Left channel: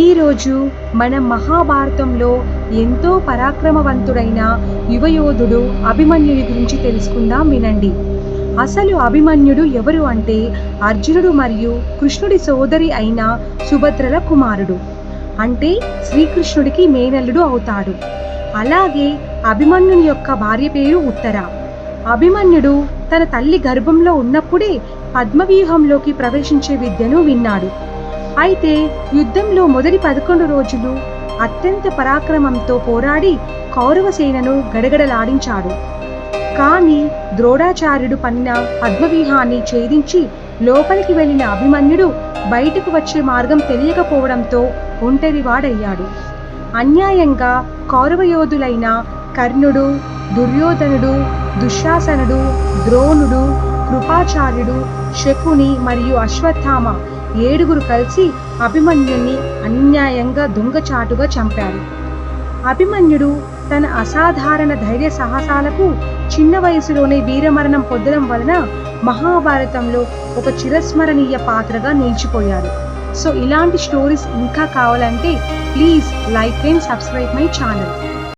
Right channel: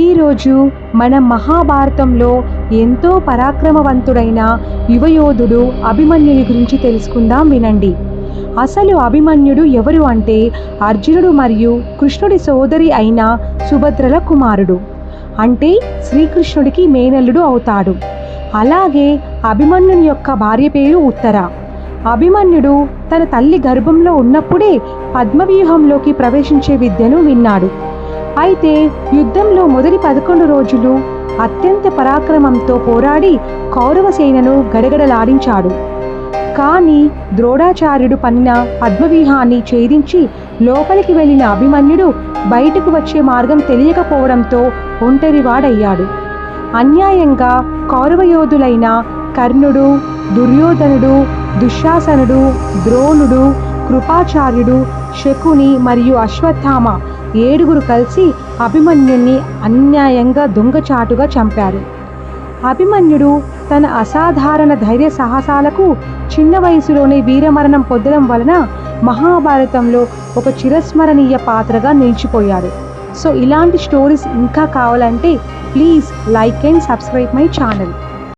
ఈరోజు మనం మహాభారతంలో ఎంతో పరాక్రమవంతుడైన యువయోధుడు అభిమన్యుని గురించి తెలుసుకుందాం, వినండి. అసలు అభిమన్యుడు ఎవరు అంటే అర్జునుడు మరియు కృష్ణుడి సోదరి అయిన సుభద్రల కుమారుడు. అంటే శ్రీకృష్ణుడికి మేనల్లుడు అవుతాడు. అలాగే అభిమన్యుని యొక్క భార్య పేరు ఉత్తర. అభిమన్యుడు తన తల్లి గర్భంలో ఉన్నప్పుడే పద్మవ్యూహంలోకి ప్రవేశించే విద్యను విన్నాడు. అయితే యుద్ధంలో మొదటి 11 రోజులు అత్యంత పరాక్రమంతో పోరాడి కౌరవ సేనను గడగడలాడించాడు. కానీ ద్రోణాచార్యుడు పన్నిన పద్మవ్యూహాన్ని ఛేదించి లోపలికి వెళ్ళిన అభిమన్యుడు బయటకు వచ్చే మార్గం తెలియకపోవడంతో ఒంటరివాడయ్యాడు. అన్యాయంగా కౌరవ యోధులైన కర్ణుడు, దుర్యోధనుడు, దుశ్శాసనుడు, ద్రోణుడు, కృపాచార్యుడు, శకుని మరియు అశ్వత్థామ 7 కలిసి అభిమన్యుణ్ణి అన్యాయంగా దొంగచాటుగా చంపారు. అభిమన్యుడు తన అసాధారణ ధైర్య సాహసాలకు చిన్న వయసులోనే వీరమరణం పొందడం వలన మహాభారతంలో ఒక చిరస్మరణీయ పాత్రగా నిలిచిపోయాడు. సో ఇలాంటి స్టోరీస్ ఇంకా కావాలంటే please like and subscribe my channel.